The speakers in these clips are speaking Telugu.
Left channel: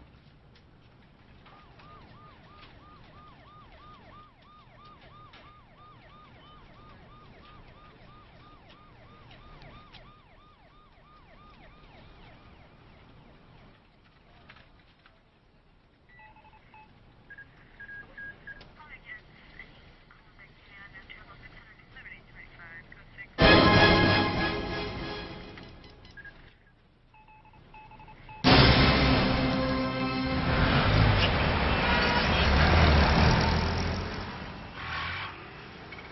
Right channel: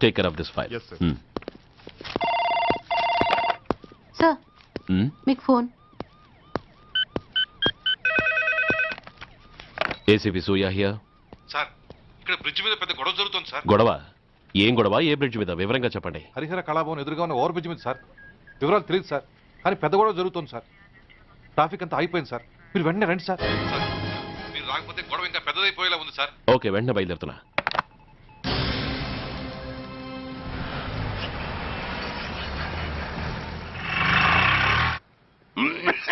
Take care of this file Yes, sir. Sir మీకు ఫోన్ ఏసీపీ సూయా హియర్ సార్ ఇక్కడ బ్రిడ్జ్ మీద పెద్ద గొడవ జరుగుతుంది సార్ గొడవ? ఏం గొడవ? ఏ బ్రిడ్జ్ మీద? వివరంగా చెప్పండి. హరిహర కళాభవన్ ఎదురుగా ఉన్న ఓవర్ బ్రిడ్జ్ మీద సార్ వివరాలు తెలియదు సార్ కానీ పెద్ద గొడవ జరుగుతుంది సార్ ట్రాఫిక్ అంతా అయిపోయింది సార్ మీరు వెంటనే రండి సార్ మీరు రాకపోతే గొడవ ఇంకా పెద్దదైపోయేలా ఉంది సార్ ఓకే వెంటనే బయలుదేరుతున్నా. ఏంటిది?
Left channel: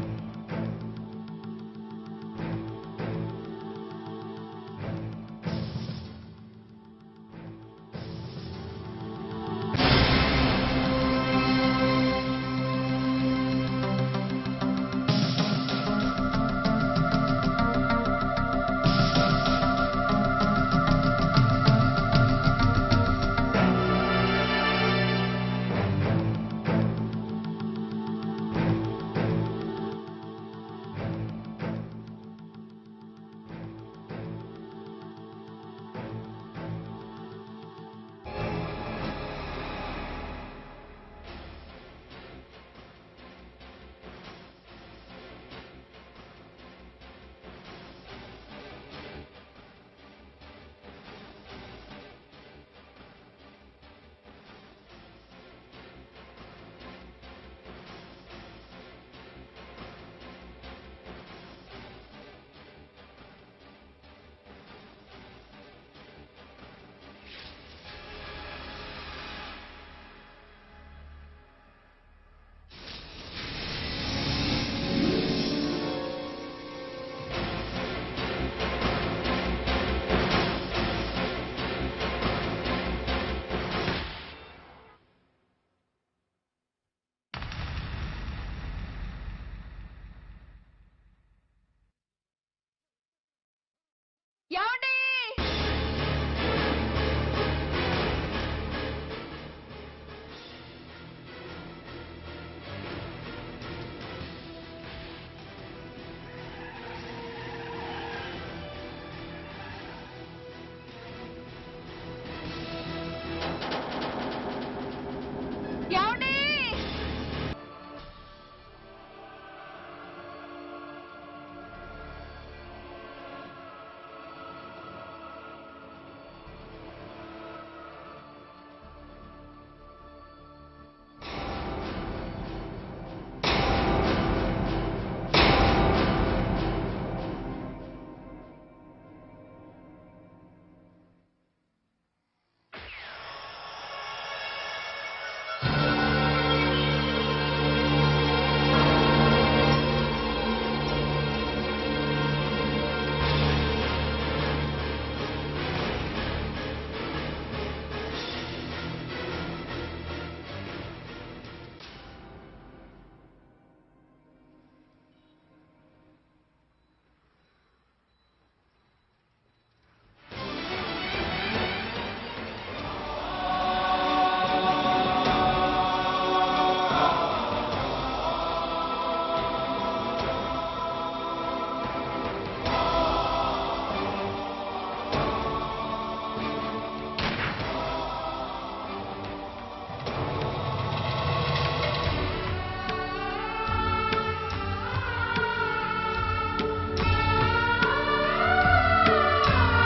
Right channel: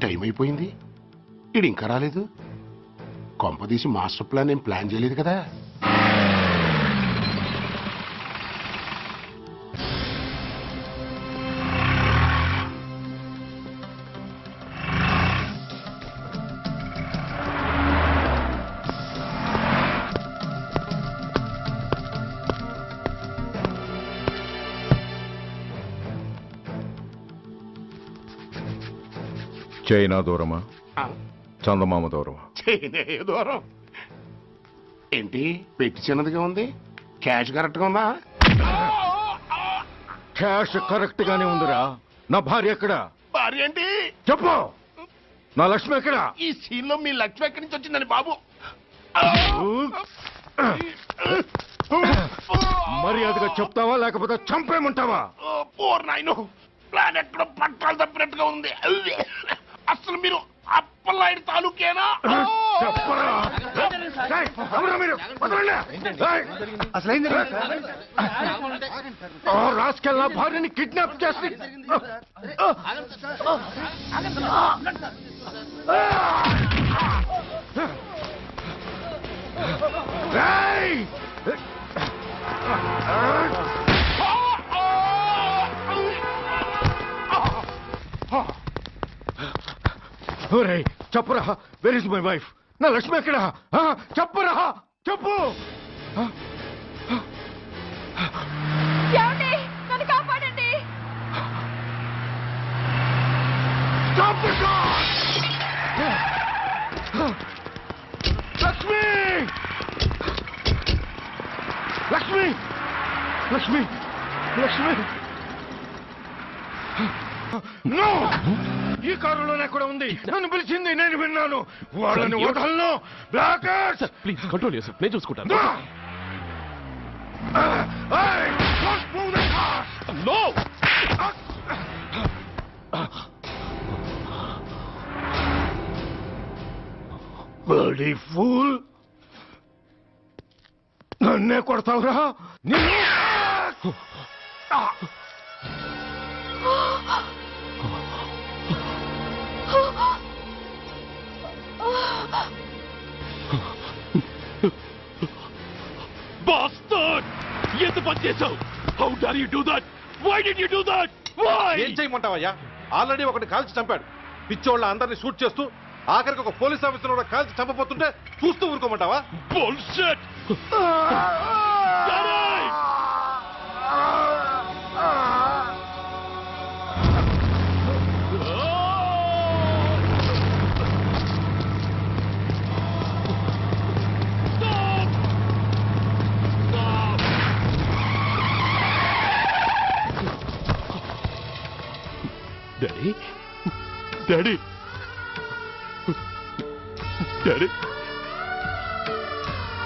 టైం అయిపోయింది. ఇది ఇంకా రాలేదు కొంపదీసి మాస్టర్ ప్లాన్ ఏం ప్లాన్ చేయలేదు కదా? చైనా దూరమా చందమామ దూరమా చైనే దూరం ఏంటి పెట్టి చిన్నదిగా ఉంది క్యాష్ కరెక్ట్గా ఉందా క్యాష్ కరెక్ట్ గానే ఉందిరా నా భార్య ఎక్కడ భార్య ఏంటి చెప్పు నా లక్ష్మి ఎక్కడ ఈ సీన్లో మీ లక్ష్మి ఎక్కడి నుంచి వచ్చిందని బాబు మర్యాదగా చెప్తావా లేకపోతే చంపేమంటావా పోర్ నాయను ప్లాన్ ఎక్కడ పట్టాలు తప్పినట్టుగా ఉంది అసలు మీరు అప్పలాంటి తాలూకేనా. ఏయ్. ఓ, రాస్కెల్ నా భార్యని కిడ్నాప్ చేసి ఏయ్! ఒరేయ్, చెప్పురా. వెర్ ఇస్ మై వైఫ్ నా లక్ష్మి ఎక్కడ? చెప్పురా. చెప్పు! లక్ష్మి. లక్ష్మి. లక్ష్మి. లక్ష్మి. నో ఈ కారులోనే కూడా ఉంది. నన్ను పిలిచింది నేను విన్నాను. వాళ్ళని వదలను. బ్లాకర్స్! ప్లీజ్ కంట్రోల్ చేసు నేను చూసుకుంటాను. ఫూల్ నన్నే కొడతావురా? నిన్ను dare you do that why did you do that why ఏం చేయమంటావయ్యా? ఆల్రెడీ ఒకటి కాల్చి చంపాడు. పిచ్చోళ్ళ అందరినీ షూట్ చేస్తూ ఆఖరికి ఒక పోలీస్ ఆఫీసర్ కూడా కాల్చి చంపబోతుంటే చూస్తూ ఊరుకోమంటావా? Bullshit daddy daddy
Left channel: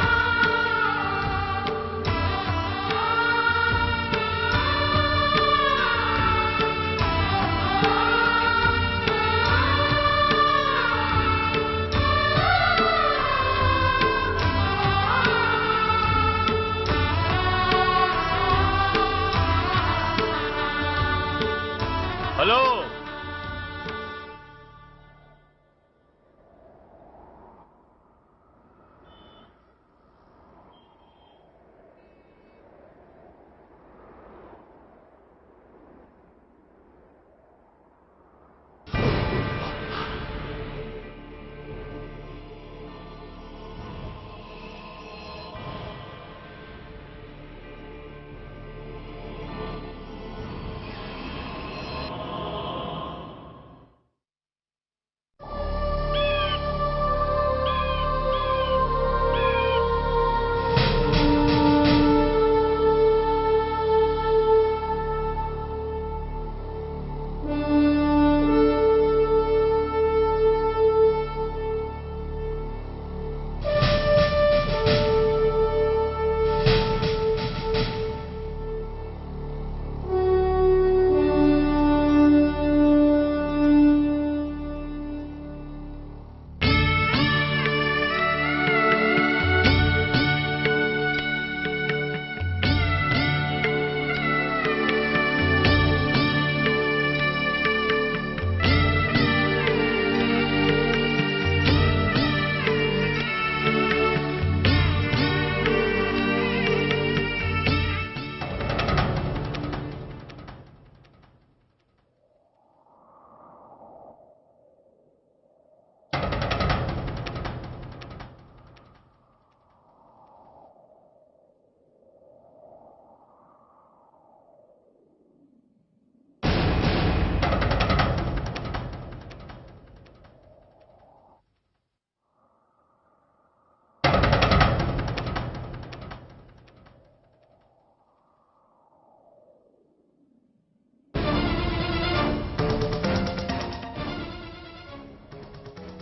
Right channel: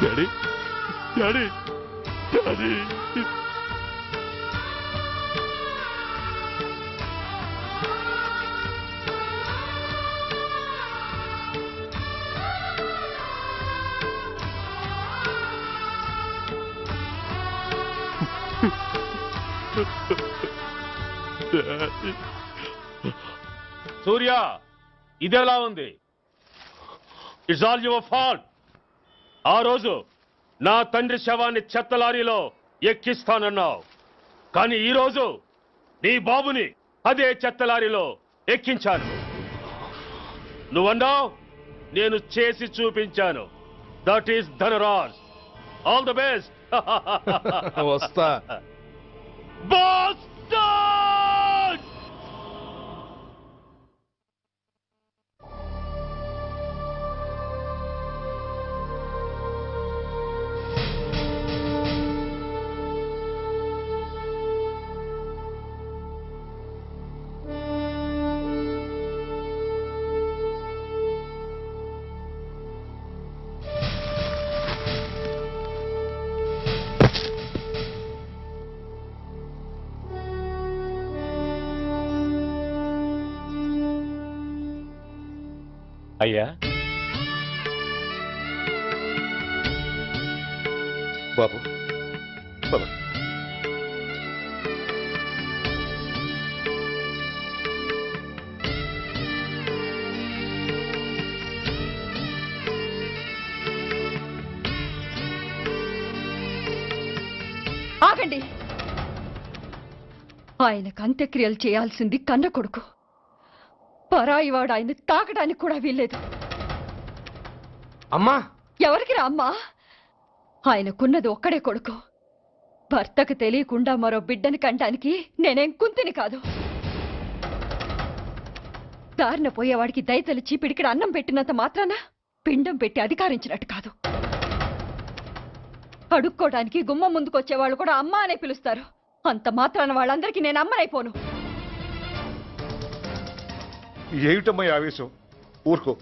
daddy daddy daddy hello Surya ఇదెలా ఉంది. ఇట్స్ ఆల్ యువర్ ఫాల్ట్ ఆ రోజు నా తండ్రి శవాన్ని చెత్త లారీలో ఎక్కిస్తానన్నావు. కానీ ఈ రోజు నీ బాబుని అదే చెత్త లారీలో ఎక్కించాను. నువ్వన్నావు నేను చేసి చూపించాను. That is Dhanraj all the best వస్తా. అయ్యా. బాబు. ఆయనకు అంత్యక్రియలు చేయాల్సింది కన్న కొడుకు. పరాయివాడు ఆయన తాకడానికి కూడా వీల్లేదు. అమ్మా! ఎవరికి రా అమ్మా? ఆయనకున్నది ఒక్కడే కొడుకు. భర్తకు తెలియకుండా మరో బిడ్డని కంటానికి నేనేం కుంతిని కాదు. దారిన పోయేవాడికి దయతలిచి పిడికిడ అన్నం పెట్టినంత మాత్రాన పిండం పెట్టి అధికారించినట్టు కాదు. అడుక్కోవడానికి గుమ్మం ముందుకొచ్చేవాళ్ళు కూడా అమ్మ అనే పిలుస్తారు. అంత మాత్రాన వాళ్ళందరికీ నేను అమ్మనైపోను. ఏమిటమ్మా ఈ ఆవేశం? ఊరుకో.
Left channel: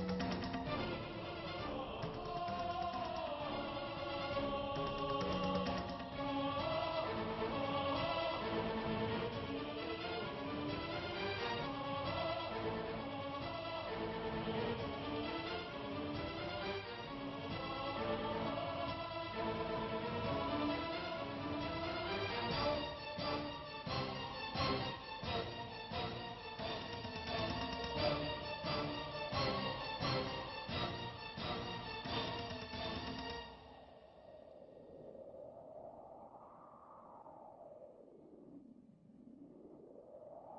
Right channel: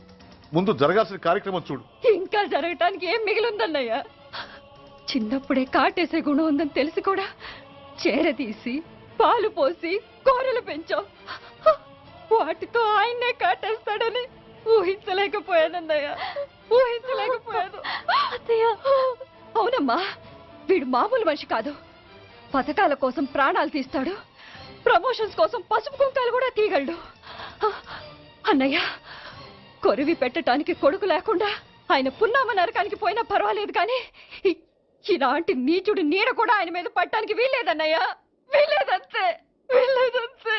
ముందు జరగాల్సిన కార్యక్రమం చూడు. ఇంకా జరగటానికి ఏం మిగిలిందన్నయ్య? చిన్నప్పుడే కాటేసే గుణం ఉందని తెలిసి కూడా చేరదీసి పాలు పోసి కూరలు పెంచాం. వాటితో ఆయన్నే కాటేస్తాడని ఊహించలేకపోయానన్నయ్య. ఊహించలేకపోయాను. అవునమ్మా వీడు మామూలు మనిషి కాదు. పథకాల కోసం ప్రాణాలు తీస్తాడు. ప్రమోషన్స్ కోసం పసుపు కుంకాలు కూడా తీయగలడు. అన్నయ్య కొరివి పెట్టడానికి కొడుకు లేకుండా ఆయన పున్నామ నరకానికి పోయినా పర్వాలేదు కానీ ఇలాంటి నీచుడు నీడ కూడా ఆయన మీద పట్టడానికి వీల్లేదన్నయ్యా. వీల్లేదంతే. వీల్లేదంతే.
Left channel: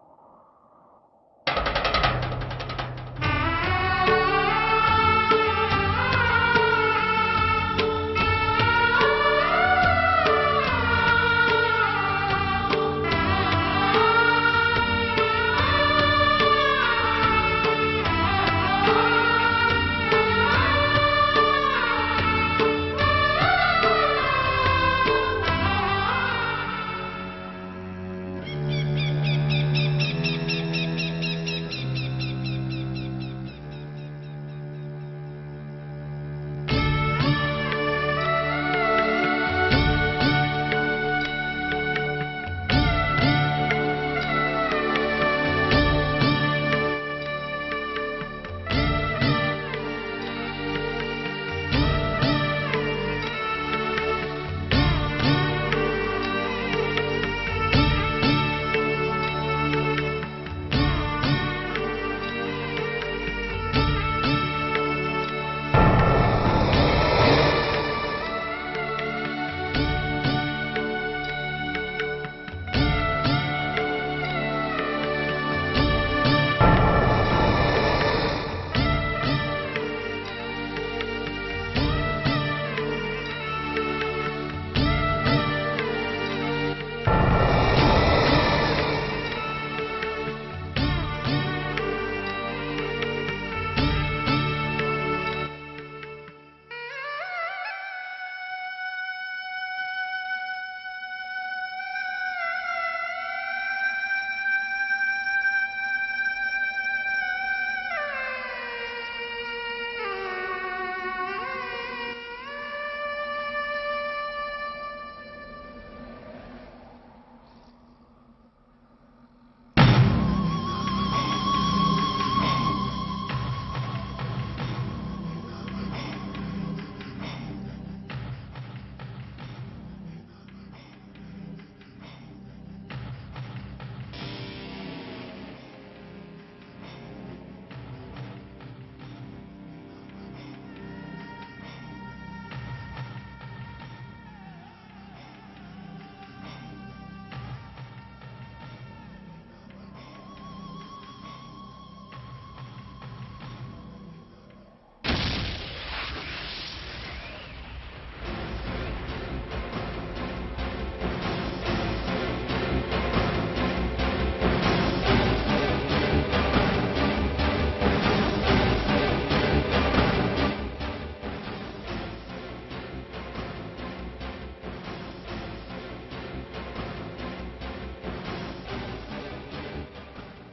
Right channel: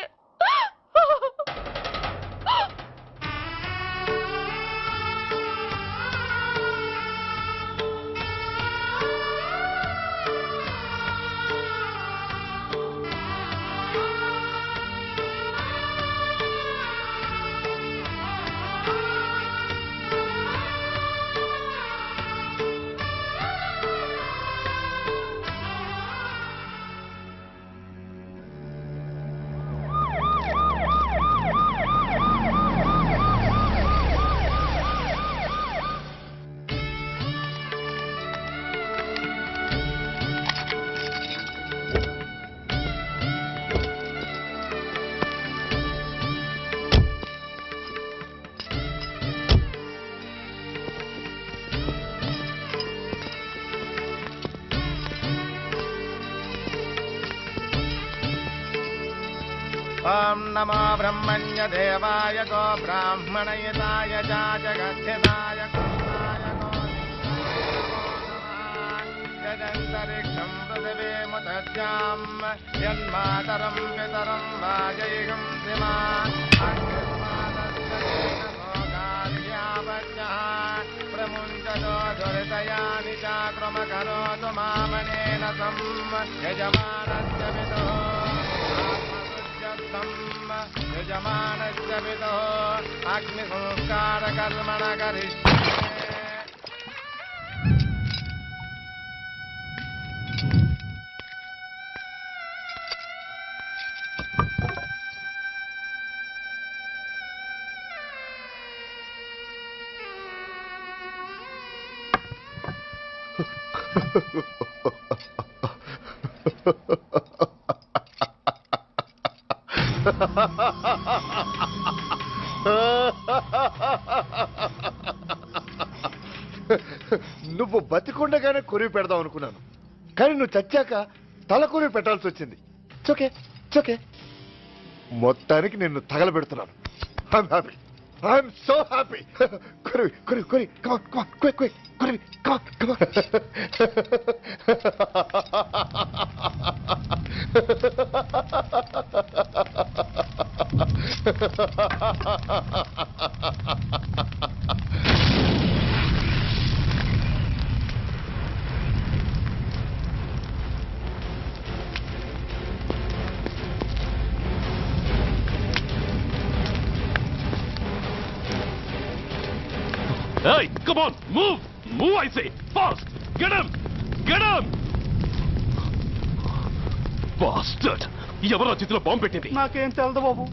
నువ్వు బతికుండగానే కొరివి పెడదాం అనుకున్నాను. కానీ నువ్వు చచ్చాక తల కొరివి పెట్టాల్సి వచ్చింది. చోకే చోకే మొత్తానికి నిన్ను తగలబెడుతున్నాను. I'm so happy. Kuribi, Kuribi, Kuribi, come on, come on, quick, quick, Kuribi, come on, come on. move! Move, I say! Fast! Get him! Get him! Bastard! ఎవరో చేతిలో బాంబు పెట్టింది నాకేం తెలదు బాబు